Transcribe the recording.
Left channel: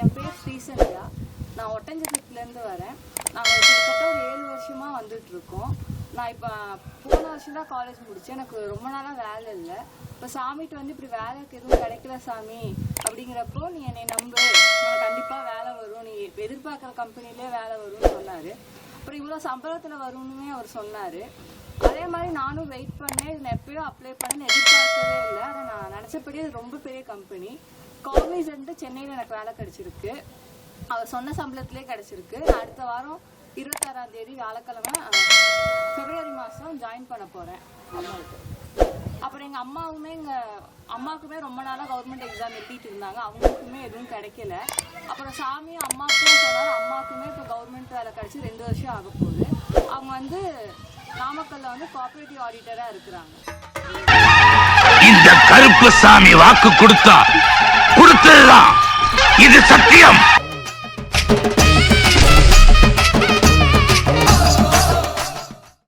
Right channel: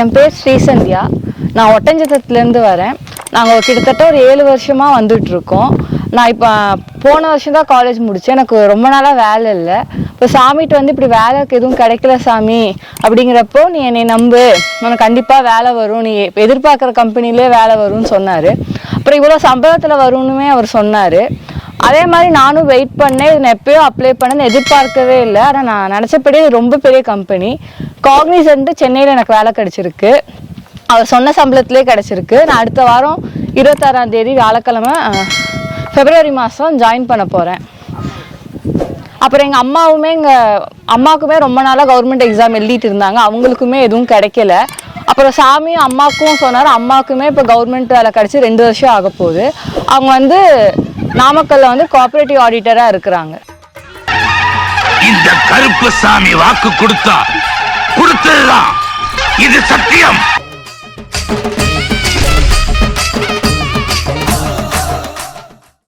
என் பேர் ஸ்ரீசந்தியா. நான் ஒட்டஞ்சத்திரத்துலேருந்து வரேன். நாங்கள் கிட்டத்தட்ட ஒரு 7 வருஷமாக வந்துட்டுருக்கோம். நான் இப்போ போன வருஷம் தான் காலேஜ் முடித்தேன். எனக்கு ரொம்ப நாளாக வேலை இல்லை. இப்போ சாமிகிட்ட வந்து இப்படி வேலைக்கு எதுவும் கிடைக்கல சாமி அப்படிங்கிறப்போ, நீ என்னை நம்பு, உனக்கு கண்டிப்பாக வேலை வரும், நீ எதிர்பார்க்குற கம்பெனிலே வேலை வரும்னு சொன்னார். அப்புறம் இவ்வளோ சம்பளத்தில் வரும்னுமே அவர் சொன்னார். அதே மாதிரி நானும் வெயிட் பண்ணேன். இது நான் எப்போயும் அப்ளை பண்ணேன்னு எதிர்பார்க்கவே இல்லை. ஆனால் நான் நினச்சபடி இது ரொம்ப பெரிய கம்பெனி. காக்னிசன்ட் சென்னையில் எனக்கு வேலை கிடச்சிருக்கு. அவர் சொன்ன சம்பளத்திலே கிடச்சிருக்கு. நான் அடுத்த வாரம் 26ஆம் தேதி வியாழக்கிழமை பிப்ரவரி மாதம் ஜாயின் பண்ண போகிறேன். அப்புறம் எங்கள் அம்மாவுக்குமே ரொம்ப நாளாக கவர்மெண்ட் எக்ஸாம் எழுதிட்டு இருந்தாங்க. அவங்களுக்குமே எதுவும் கிடைக்கல. அப்புறம் சாமியும் அம்மாவுக்கும் சொன்னார். அம்மாவுக்குமே இப்போ கவர்மெண்ட் வேலை கிடச்சி 2 வருஷம் ஆக போகுது. அவங்க வந்து நாமக்கல்ல வந்து கோஆபரேட்டிவ் ஆடிட்டராக இருக்கிறாங்க. இந்த கருப்பு சாமி வாக்கு கொடுத்ததுதான், இது சத்தியம்.